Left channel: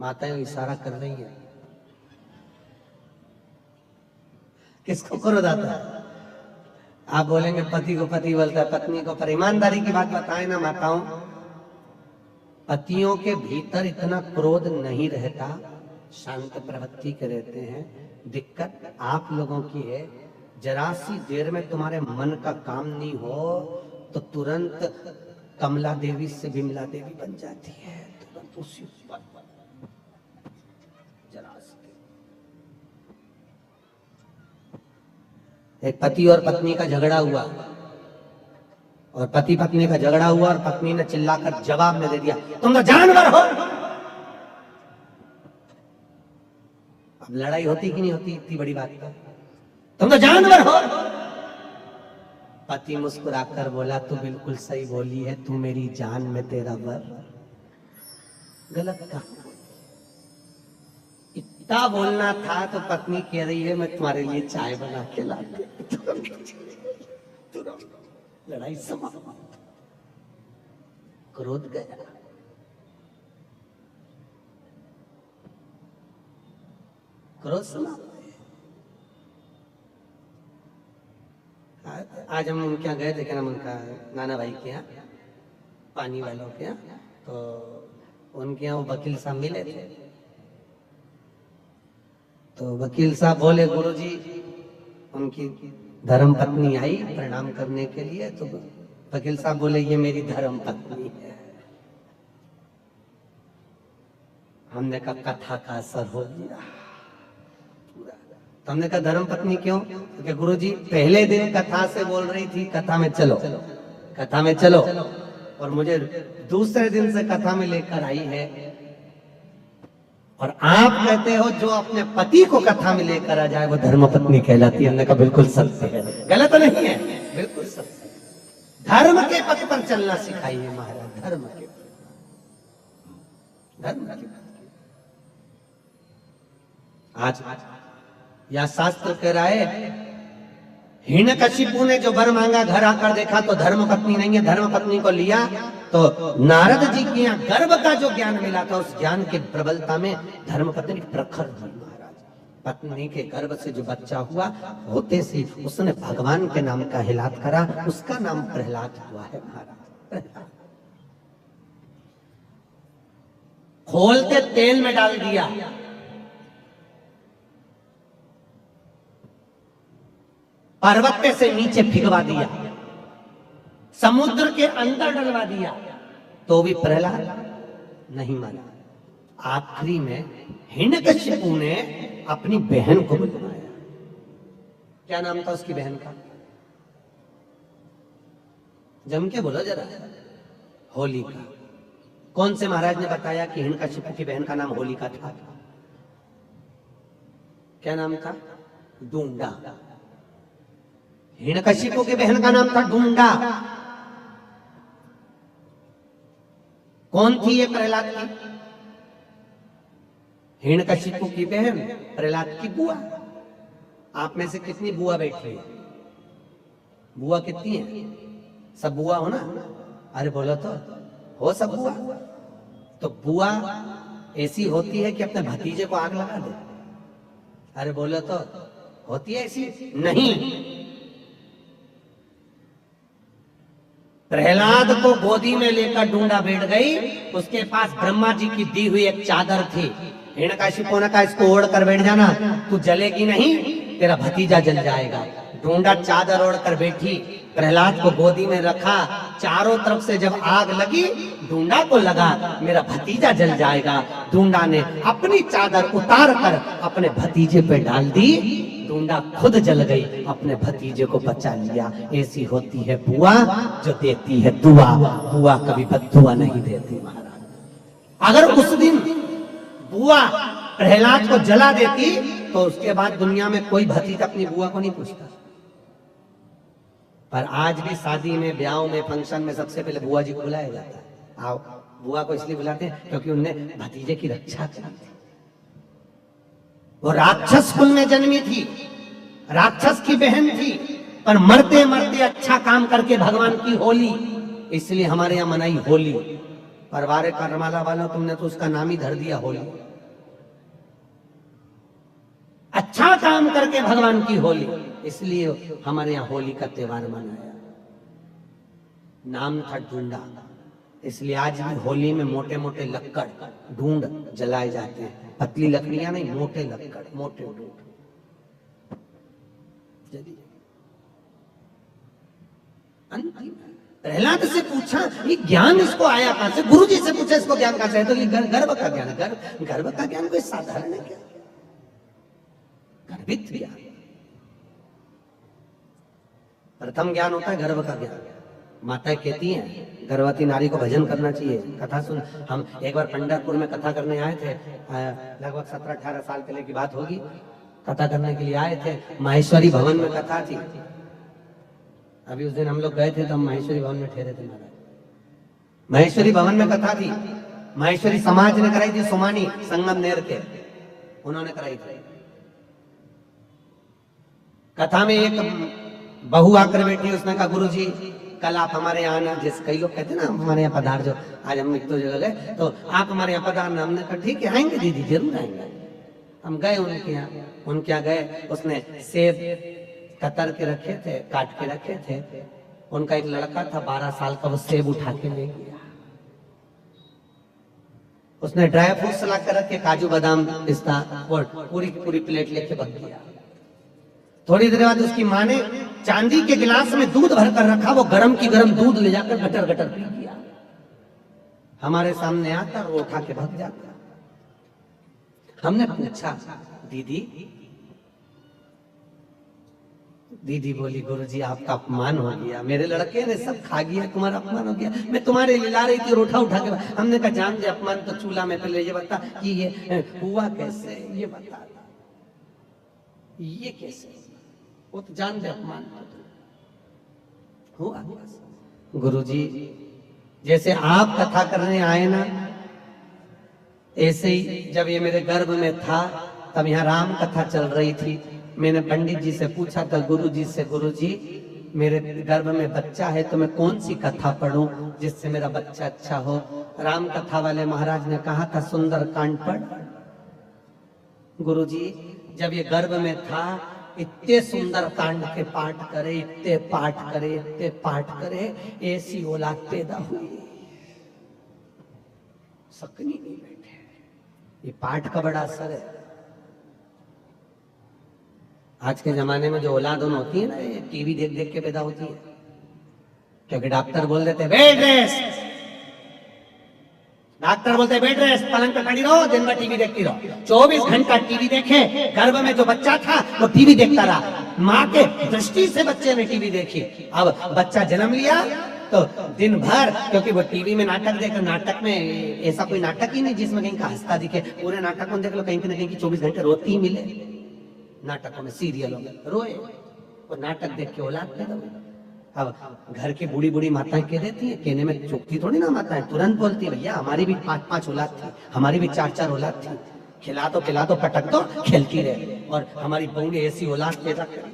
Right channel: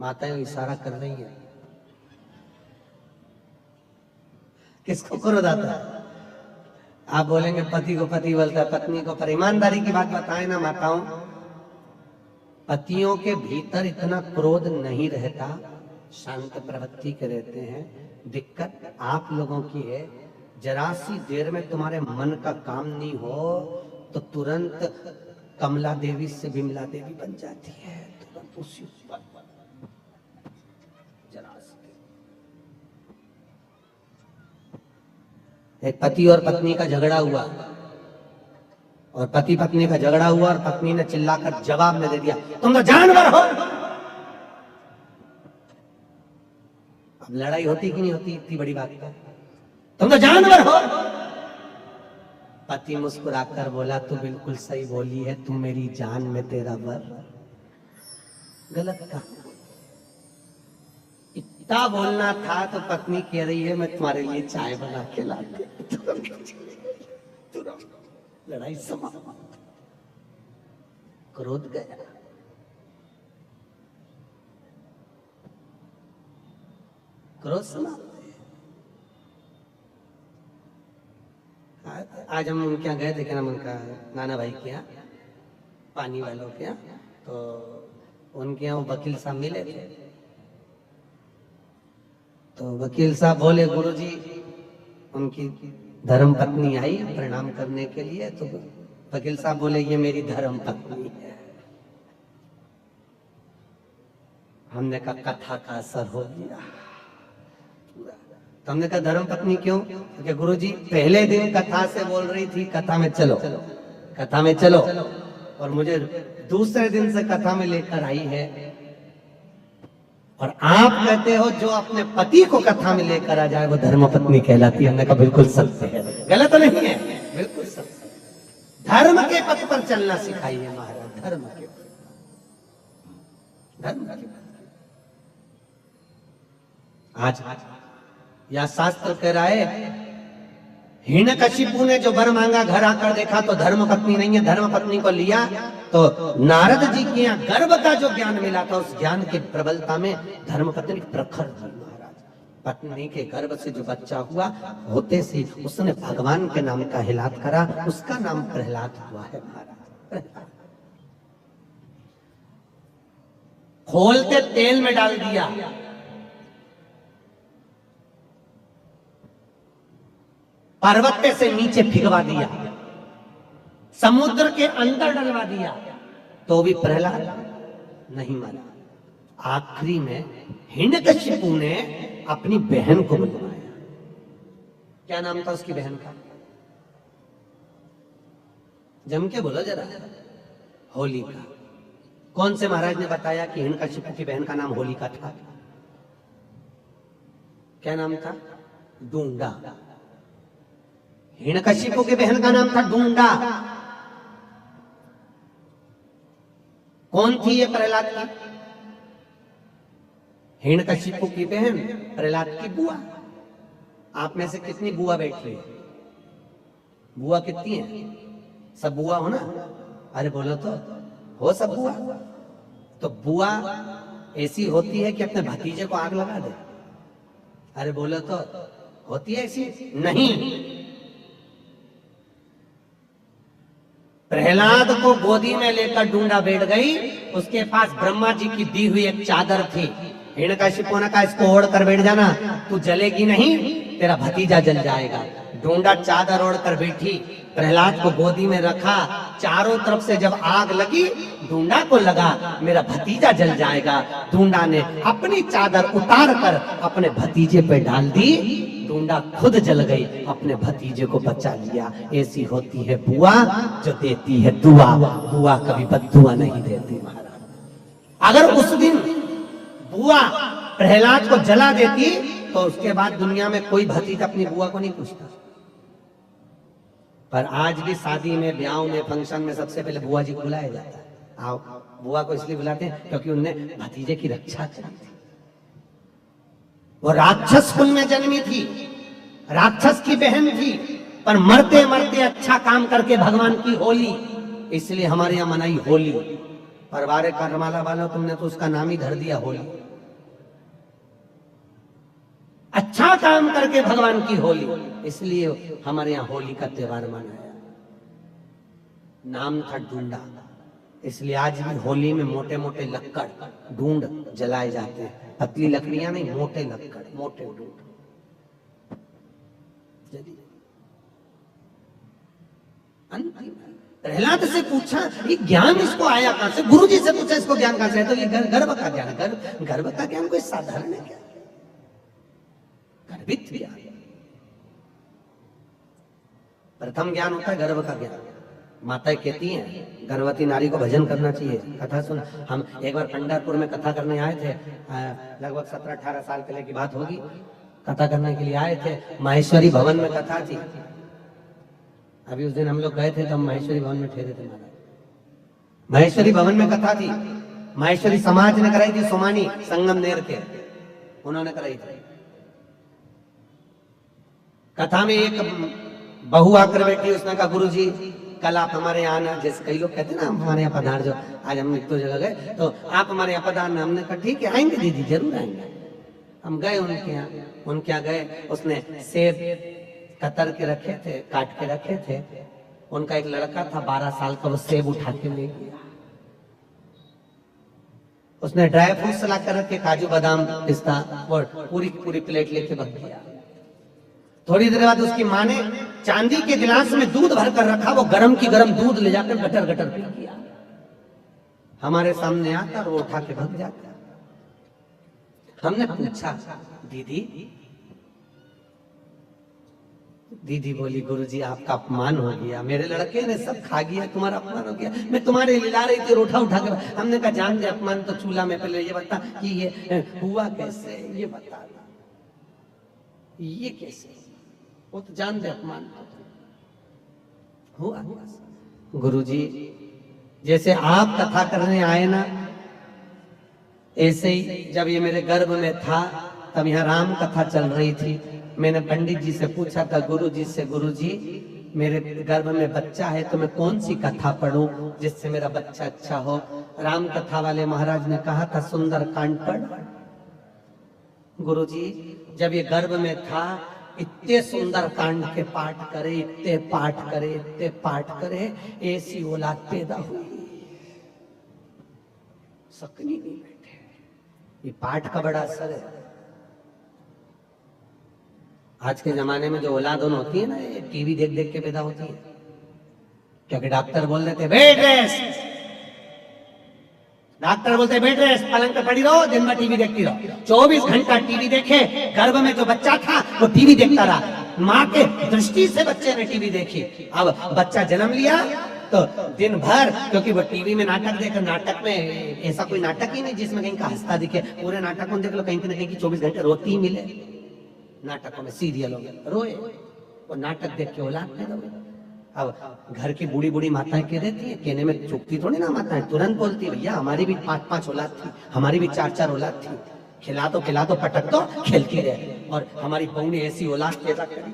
माताएं इशारा कर रही है, किसको क्रोध आता है? आप बोलेंगे पति को पति बोलता है, पत्नी को, पर ईमानदारी की बात बताएं ना माताओं, पतियों के भीतर इतना क्रोध नहीं रहता, शांत प्रवृत्ति के रहते हैं। दिक्कत आप लोगों की है, जरा सी देर में तुम्हारे मन का काम नहीं हो तो तुरंत कमला देवी से विमला देवी बन जाती है, तुरंत उसी पर जरा सी। एक पति और पत्नी का झगड़ा हुआ, और पति पत्नी का झगड़ा हुआ और पत्नी ने चिल्लाकर जवाब में दे दिया, तुम तो जानवर हो। अब लड़ाई होती कि नहीं होती इतनी बड़ी बात पर? तुम तो जानवर हो। पति मुस्कुराकर बोला, तू बिल्कुल सही बोली है, तू मेरी जान में तेरा वर। गलत कहा, इतना बोलना था तो पत्नी कह रही है, मैं तुम्हारे लिए चाय बना के लाती। लड़ाई समाप्त, क्रोध गया। क्रोध समाप्त। आज हम उनके यहाँ गए थे, क्या नाम उनका, नाना भाई के यहाँ, पानी वालों के यहाँ, तो उनके यहाँ वो वकील साहब मिले थे। तो वकील साहब बोले, गुरुजी उनकी धर्म पत्नी आई प्रणाम करने के लिए। तो वकील साहब बोले, ये मेरी धर्म पत्नी है। हमने कहा कथा का असर हो गया। तो हमने कहा धर्म पत्नी क्यों? क्योंकि गुरुजी पहले दिन कथा से बोल रही थी कथा में चलो, कथा में चलो, और मुझे दूसरे दिन से कथा में लेकर आई है, और आप कहते हो जो अपने पति को कथा में लेकर आ जाए वो धर्म पत्नी कहलाती है। हमने कहा बिल्कुल सत्य है, गलत नहीं है, बिल्कुल सत्य। धर्म के पथ पर चलना सिखाइए महाराज, धर्म के, धर्म के। आज या शास्त्र कह रहा है, हिरण्यकशिपु ने जो वर मांगा घर आकर देखा तो धर्म पत्नी नहीं है, धर्म पत्नी को लिया तो नारद जी के यहाँ गर्भ का जो ज्ञान मिला था उस ज्ञान की प्रबलता में धर्म पत्नी प्रखर जी महाराज। पत्नी के गर्भ से जो बच्चा हुआ होते से उसने भगवान के नाम का हिलात करा, उसका नाम प्रहलाद हुआ है महाराज। खोलते तेल में डाल दिया, पर्वत से नीचे फिगवा दिया, समुद्र के अंदर डलवा दिया, तो भी प्रहलाद नहीं माना। आखिरी में हिरण्यकशिपु ने अपनी बहन को बुलवाया। क्या नाम था उसकी बहन का? जम के बोलो जरा। होलिका। कौन से महाराज ने बताया कि हिरण्यकशिपु की बहन का नाम होलिका था? क्या नाम था? डूंडा। हिरण्यकशिपु की बहन का नाम था डूंडा। कौन थी ये प्रहलाद की? हिरण्यकशिपु की बहन, प्रहलाद की बुआ। आप में से कितनी बुआ बैठी है? बुआ कितनी है? सब बुआ हो ना? अरे बोलो तो, हो सब बुआ? तो बुआ ऐसी होती है कि अपने भतीजे को आग लगा दे? अरे बोलो तो, होती है ऐसी? नहीं। प्रहलाद को गोदी में लेकर डूंडा बैठ गई, उसके पास ब्रह्मा जी की दी हुई एक चादर थी। हिरण्यकशिपु ने कहा इसको ओढ़ कर बैठ जाना, तू जलेगी नहीं, तेरा भतीजा जल जाएगा। डूंडा चादर ओढ़ कर बैठी, प्रहलाद को गोदी में रखा, चारों तरफ से जब आग लगी डूंडा को लगा मेरा भतीजा जल जाएगा। डूंडा ने अपनी चादर उतार कर अपने भतीजे पे डाल दी, डूंडा खुद जल गई, अपने भतीजे को बचा लिया। ऐसी होती है बुआ जो देती है दुआ। बुआ कभी बद्दुआ नहीं देती महाराज। अगर उस दिन बुआ प्रहलाद को जला देती तो उसके बाद दुनिया में कोई भतीजा अपनी बुआ को नहीं पूछता। पर आज भी शादी में, ब्याह में, फंक्शन में सबसे पहले बुआ जी को बुलाया जाता है। आओ। बुआ को इसलिए बुलाते हैं क्योंकि उनने भतीजे की रक्षा करी थी। वो राक्षस कुल में जन्मी थी, राक्षस की बहन थी, पर मरते मरते अच्छा काम करके भगवान की होली, इसलिए हमारे यहाँ मनाई होली। परवारे करमाला वालों तुमने तो उसका नाम ही धर दिया होली। अच्छा काम करके भगवान की होली, इसलिए हमारे यहाँ होली का त्योहार मनाया। नाम था ढूंढा, इसलिए आज भी होली में मोटे मोटे लक्कड़ ढूंढ जलाए जाते हैं। पतली लकड़ियां नहीं, मोटे लक्कड़, मोटे ढूंढ। प्रहलाद से पूछा ये ज्ञान इसको आया कहां से? गुरु जी से पूछा इसको ज्ञान कहां से है? तो ये गर्भ का ज्ञान, गर्भ का ज्ञान कोई साधारण है क्या? गर्भित ज्ञान, प्रथम ज्ञान होता है गर्भ का ज्ञान। माता कहती हैं गर्भवती नारी को भजन करना चाहिए। कथा सुन, हम एक बार पंढरपुर में कथा करने आए थे, लगभग 17-18 साल पहले की बात होगी। कथा करने के लिए आए थे, माहेश्वरी भवन में कथा थी। अभी उस दिन हम लोग गए थे तो हम माहेश्वरी भवन में ठहरे थे महाराज। माहेश्वरी भवन में कथा थी, माहेश्वरी समाज ने कराई थी, सोमानी संगमनेर के उन्होंने कराई थी। कथा में एक बहू आकर बैठी, उसने कहा गुरु जी कल आप हमारे यहाँ आना। जैसे कई लोग कहते हैं ना हमारे यहाँ पधार जो, आज हम एक दो जगह गए तो आप हमारे यहाँ पधारना। हमने कहा ठीक है आएंगे दीदी, जरूर आएंगे। हम गए उनके यहाँ गए, उसने सेब कतर के रखे थे, काट के रखे थे। उनका एक लड़का था 12 साल का, वो सेब उठा के ले गया। उसने ड्राई फ्रूट सला कर रखे, काजू बादाम पिस्ता, और पूरी प्लेट लेके भाग गया। थोड़ी देर बाद उसकी माँ ने चांदी के गिलास में दूध भर कर रखा, वो गरम की गरम दूध ले जाकर गटर गटर पी गया। हमारे सामने आता वो उठा के भाग जाता। हमने पूछा दीदी बोली गुरुजी आपका अपमान हो गया, मेरे लड़के ने सब खा गया, तुम्हारा अपमान हो गया। मैं तुम्हारे लिए ला रही थी, उठा के। हमने कहा जान दे अपमान तो चूल्हा में, पहले ये बता कि ये हुआ कैसे, ये बता ये कैसे, वो तो जान दे अपमान तो हुआ। गुरुजी जैसे आप कथा करने आए ना, ऐसे ही जब ये मेरे गर्भ में था तब यहाँ राम कथा चल रही थी। मैंने पंडित जी से पूछा था गुरुजी से, गुरुजी मेरे गर्भ में बच्चा है तो मैं कौन सी कथा पढ़ूं जिससे मेरा बच्चा अच्छा हो? राम कथा वाले महाराज ने कहा था सुंदर कांड पढ़। गुरुजी जब ये गर्भ में था इतने सुंदर कांड के पाठ करे, इतने पाठ करे, ऐसी औलाद पैदा हुई। सकनी नहीं बैठे, ये पाठ का बड़ा असर है। आज के जमाने में जो औलाद होती है ना, ये टीवी देख देख के पैदा होती है, क्योंकि डॉक्टर बोल देते बेड रेस्ट, डॉक्टर बोलते बेड रेस्ट, पलंग पे पड़ी रहो, दिन भर टीवी देखती रहो। 24 घंटा टीवी देखे, गर्भ में जो बच्चा था वो टीवी देखता रहा। माँ के दृष्टि से बच्चे ने टीवी देखी। अब बच्चा जन्म लिया तो दिन भर, क्योंकि वो टीवी में नाटक देखे, नाटक में ऐसा कोई नाटक ही नहीं जिसमें कहीं का हंसता दिखे। पूरे नाटक में देख लो कहीं ना कहीं की 24 घंटे रोती ही मिले। नाटकों में, सीरियलों में रोए और नाटक देख के औलाद पैदा हुई। अब घर की बूढ़ी बूढ़ी माताएं कह देती है, कहने में चुपती थोड़ी ना माताएं, तुरंत बोलती है भैया हमारी भी 5-5 औलाद थी, हमारी भी 4-4 औलाद थी, खिला दो पटक दो, खेलती रहे। और हमारी बहू ने ऐसी औलाद पैदा करी,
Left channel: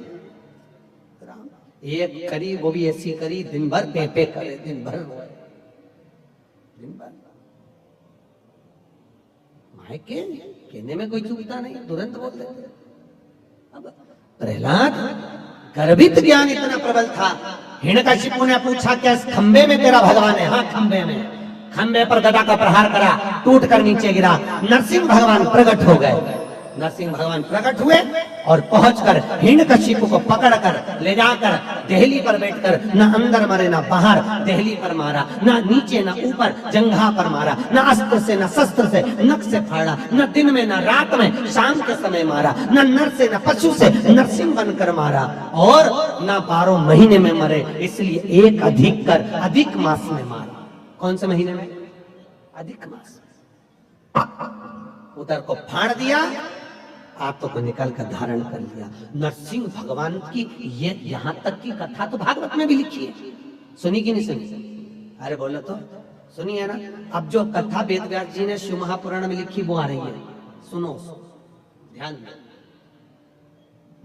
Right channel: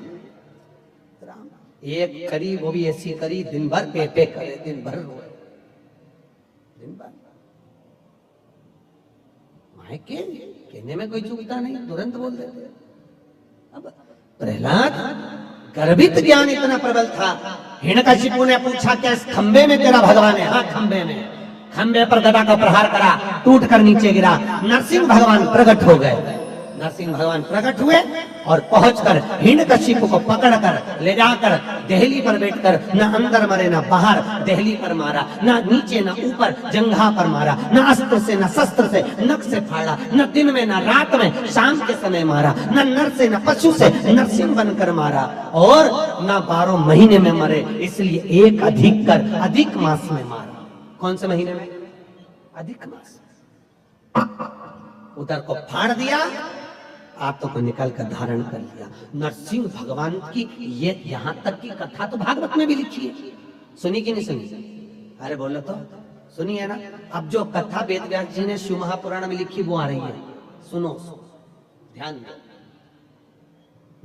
एक करी वो भी ऐसी करी, दिन भर पे करे, दिन भर माए कहने में कोई चूकता नहीं, तुरंत बोल देते। अब प्रहलाद गर्भित ज्ञान इतना प्रबल था। हिरण्यकशिपु ने पूछा क्या इस खंबे में तेरा भगवान है? हाँ खंबे में। खंबे पर गदा का प्रहार करा, टूट कर नीचे गिरा। नरसिंह भगवान प्रकट हो गए। नरसिंह भगवान प्रकट हुए और पहुंचकर हिरण्यकशिपु को पकड़कर ले जाकर देहली पर बैठकर न अंदर मरे न बाहर, देहली पर मारा, न नीचे न ऊपर, जंघा पर मारा, न अस्त्र से न शस्त्र से, नख से फाड़ा, न दिन में न रात में, शाम के समय मारा, न नर से न पशु से, नरसिंह बनकर मारा, और न 12 महीने में मरे, इसलिए एक अधिक कर अधिक मास में मारा। कौन से महीने में? अधिक मास। उधर को फाड़ दिया, आंतों को निकाल कर धारण कर लिया। नरसिंह भगवान की ये यहाँ तक की कथा तो भागवत में भी लिखी है, सुनी कि नहीं सुनी? अरे बोलो तो, सुनी है ना? अब जो कथा वेद व्यास जी ने शिव महापुराण में लिखी वो आ रही है, सुनो ध्यान दो।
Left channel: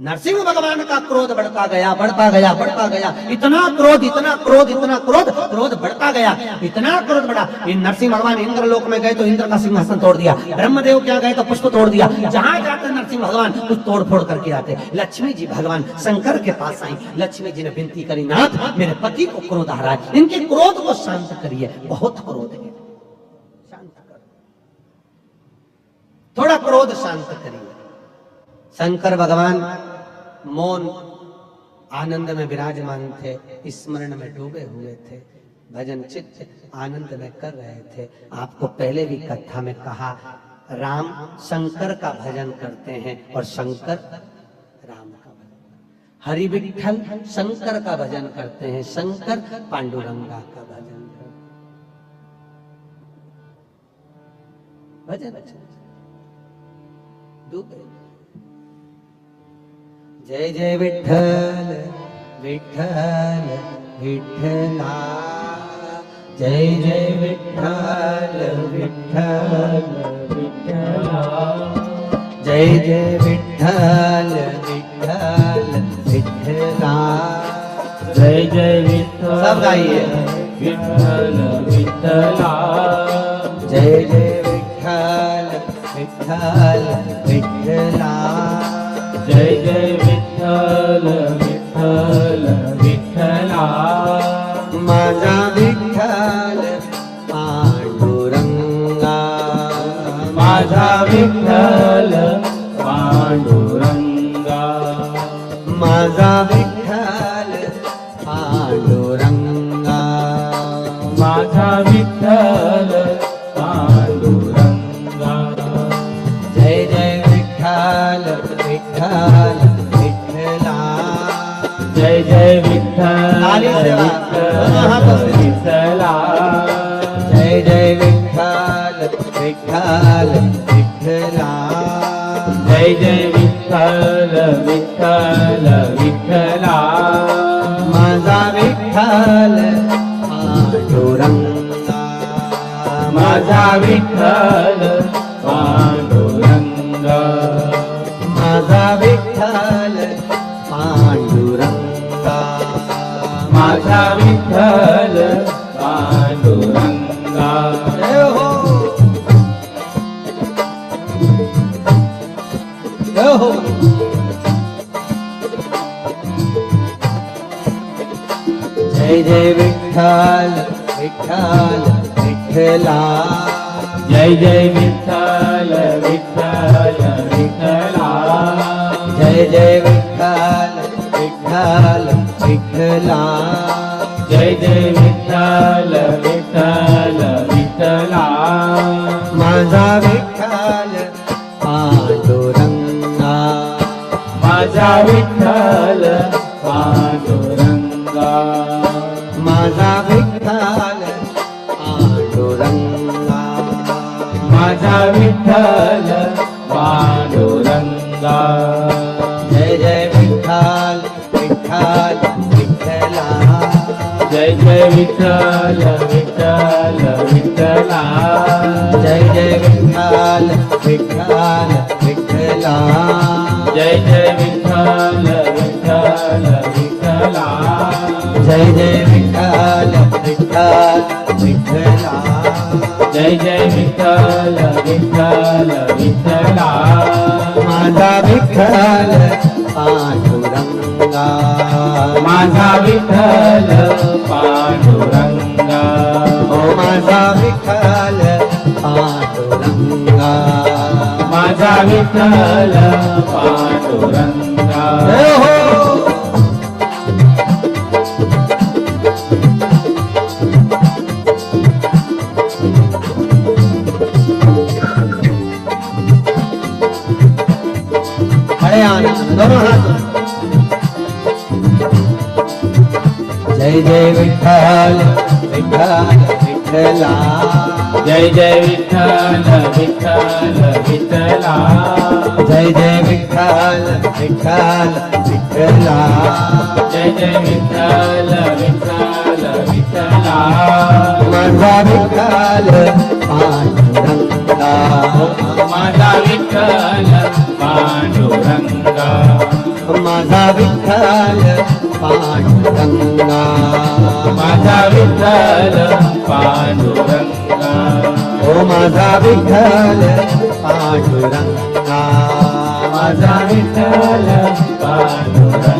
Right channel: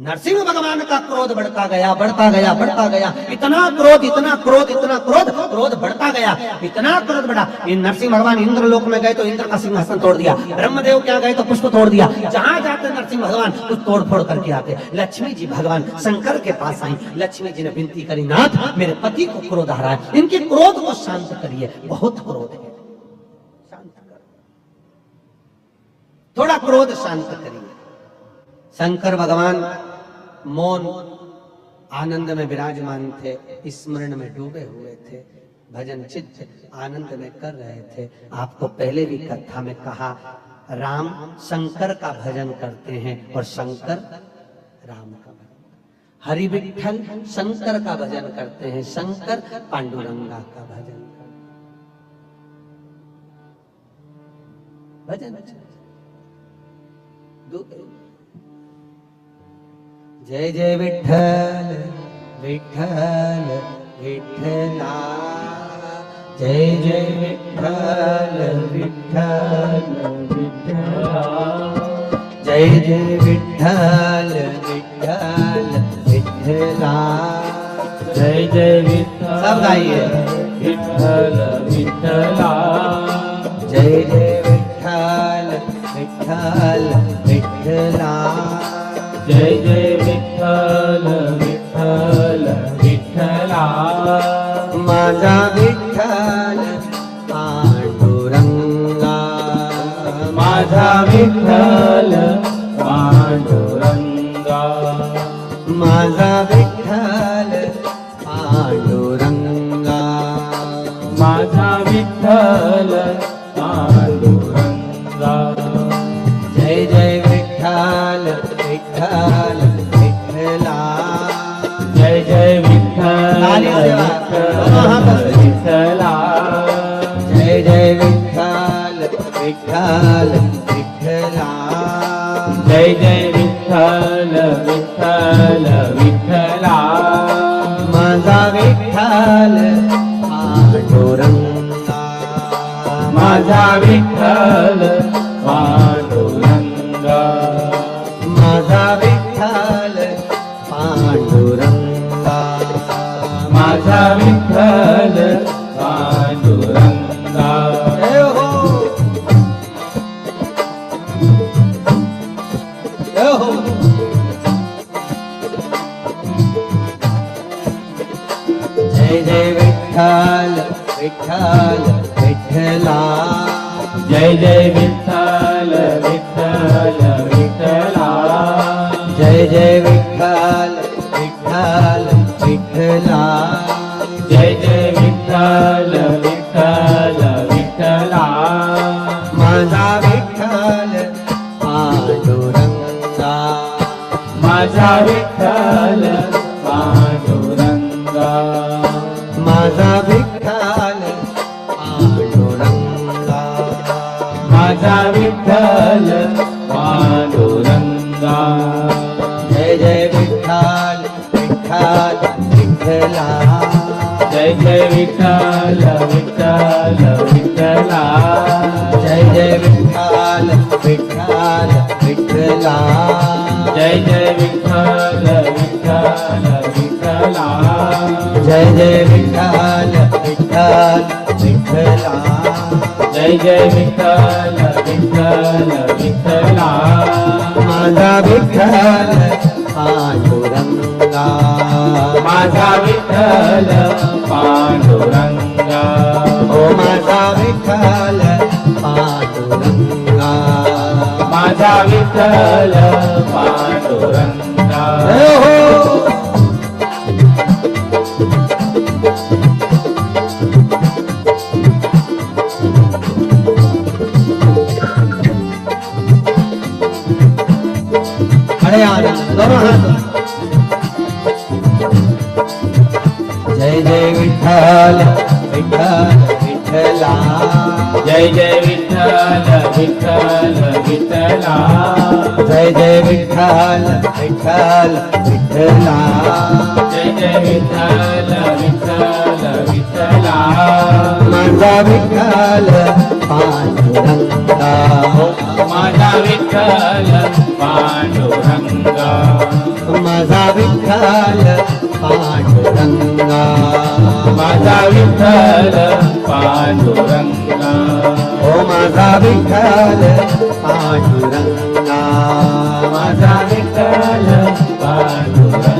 नरसिंह भगवान का क्रोध बढ़ता गया, बढ़ता गया, बढ़ता गया। इतना क्रोध, इतना क्रोध, इतना क्रोध, क्रोध बढ़ता गया, इतना क्रोध बढ़ा। नरसिंह भगवान इंद्र लोक में गए तो इंद्र का सिंहासन तोड़ दिया, ब्रह्मदेव क्या गए तो पुष्प तोड़ दिया। जहां जाते नरसिंह भगवान कुछ तोड़ फोड़ करके आते। लक्ष्मी जी भगवान शंकर के पास आई। लक्ष्मी जी ने विनती करी, नाथ मेरे पति को क्रोध आ रहा है, इनके क्रोध को शांत करिए, बहुत क्रोध है, शांत करो, थोड़ा क्रोध शांत करिए। शंकर भगवान मौन आनंद में विराजमान थे, स्मरण में डूबे हुए थे, भजन चित्त आनंद में कर रहे थे। आपको पहले भी कथा में कहा, राम शंकर का भजन करते हैं और शंकर राम का भजन, हरि विठ्ठल शंकर का भजन करते हैं, शंकर पांडुरंगा का भजन करते भजन डूबे। जय जय विठ्ठल विठ्ठल विठ्ठला, जय जय विठ्ठल विठ्ठल विठ्ठला, जय जय विठ्ठल विठ्ठल विठ्ठला, जय जय विठ्ठल। सब गाइए, विठ्ठल विठ्ठला, जय जय विठ्ठल विठ्ठल विठ्ठला, जय जय विठ्ठल विठ्ठल विठ्ठला, माझा विठ्ठल पांडुरंगा, माझा विठ्ठल पांडुरंगा, माझा विठ्ठल पांडुरंगा, माझा विठ्ठल पांडुरंगा, जय जय विठ्ठल विठ्ठल विठ्ठला, जय जय विठ्ठल विठ्ठला, जय जय विठ्ठल विठ्ठल विठ्ठला, जय जय विठ्ठल विठ्ठल विठ्ठला, माझा विठ्ठल पांडुरंगा, माझा विठ्ठल पांडुरंगा, माझा विठ्ठल पांडुरंगा, माझा विठ्ठल पांडुरंगा। जय हो, जय हो। जय जय विठ्ठल विठ्ठल विठ्ठला, जय जय विठ्ठल विठ्ठल विठ्ठला, जय जय विठ्ठल विठ्ठल विठ्ठला, जय जय विठ्ठल विठ्ठल विठ्ठला, माझा विठ्ठल पांडुरंगा, माझा विठ्ठल पांडुरंगा, माझा विठ्ठल पांडुरंगा, माझा विठ्ठल पांडुरंगा, जय जय विठ्ठल विठ्ठल विठ्ठला, जय जय विठ्ठल विठ्ठल विठ्ठला, जय जय विठ्ठल विठ्ठल विठ्ठला, जय जय विठ्ठल विठ्ठल विठ्ठला, जय जय विठ्ठल विठ्ठल विठ्ठला, जय जय विठ्ठल विठ्ठल विठ्ठला, माझा विठ्ठल पांडुरंगा, माझा विठ्ठल पांडुरंगा, ओ माझा विठ्ठल पांडुरंगा, माझा विठ्ठल पांडुरंगा। जय हो। खड़े आनंद दोनों हाथ। जय जय विठ्ठल विठ्ठल विठ्ठला, जय जय विठ्ठल विठ्ठल विठ्ठला, जय जय विठ्ठल विठ्ठल विठ्ठला, जय जय विठ्ठल विठ्ठल विठ्ठला, माझा विठ्ठल पांडुरंगा, माझा विठ्ठल पांडुरंगा, विठ्ठल पांडुरंगा, माझा विठ्ठल पांडुरंगा।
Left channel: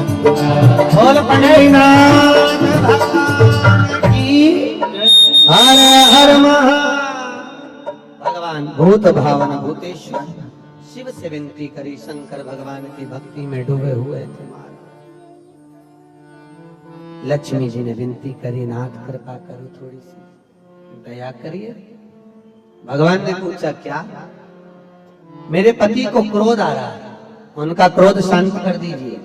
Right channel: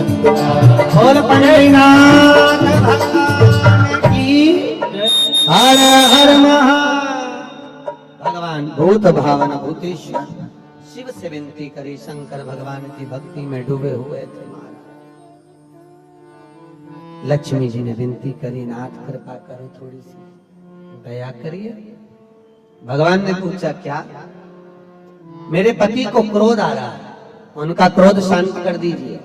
बोल पंढरीनाथ भगवान की हर हर महा। भगवान भूत भावन भूतेश्वर शिव से विनती करी, शंकर भगवान की भक्ति में डूबे हुए थे महाराज। लक्ष्मी जी ने विनती करी, नाथ कृपा करो, थोड़ी सी दया करिए। भगवान ने पूछा क्या? मेरे पति को क्रोध आ रहा है, उनका क्रोध शांत कर दीजिए।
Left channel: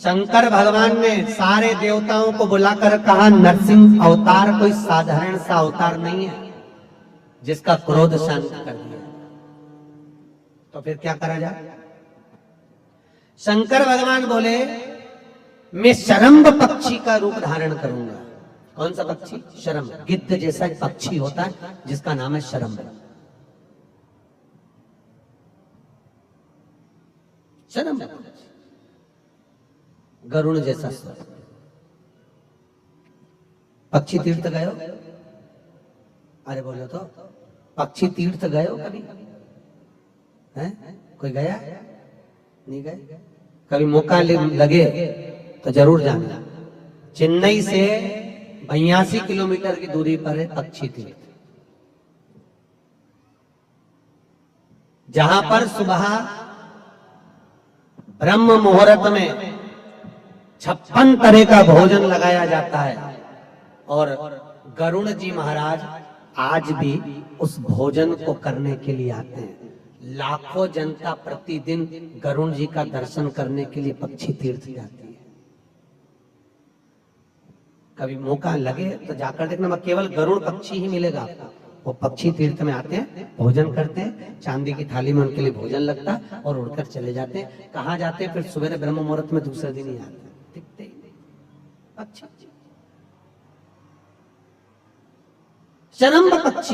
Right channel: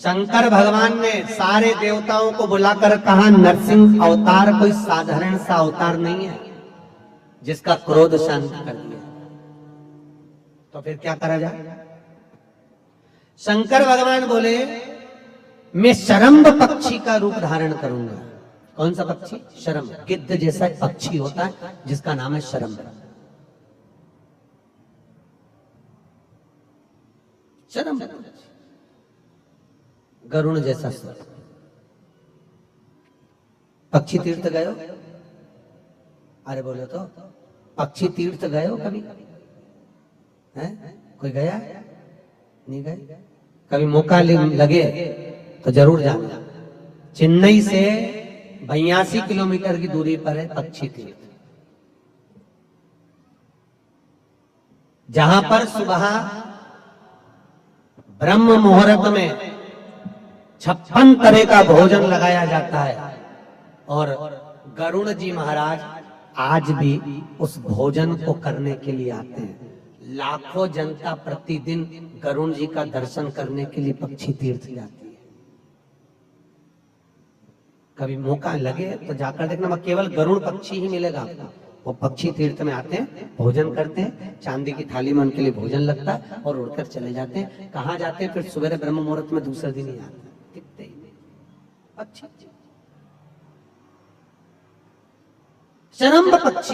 शंकर भगवान ने सारे देवताओं को बुलाकर कहा, नरसिंह अवतार कोई साधारण सा अवतार नहीं है जिसका क्रोध शांत कर दिया। तो फिर क्या करा जाए? शंकर भगवान बोले, मैं शरम्भ पक्षी का रूप धारण करूंगा। कौन सा पक्षी? शरम्भ, गिद्ध जैसा एक पक्षी होता है जिसका नाम है शरम्भ। शरम्भ गरुण जैसा स्वर। पक्षी तीर्थ गए हो? अरे बोलो तो, पक्षी तीर्थ गए हो कभी? है कोई गया? नहीं गए? कभी मौका लगे तो जरूर जाना। चेन्नई से 82 किलोमीटर की दूरी पर है पक्षी तीर्थ, जहां पर सुबह ब्रह्म मुहूर्त में 56 तरह का भोजन लगाया जाता है। और गरुण जी महाराज आज भी उस भोजन को करने के लिए आते हैं। लाखों जनता प्रतिदिन गरुण जी का दर्शन करने के लिए पक्षी तीर्थ जाती है। कभी मौका लगे तो जाकर देखना, मैं केवल गरुड़ पक्षी ही मिलेगा आपको। वो पक्षी तीर्थ में आते हैं, भोजन करते हैं, चांदी की थाली में उनके लिए भोजन लगता है और उड़कर चले जाते हैं। कहाँ जाते हैं? फिर सुबह ब्रह्म मुहूर्त में दूसरे दिन ही आते हैं, दिखते ही पक्षी। शरम्भ पक्षी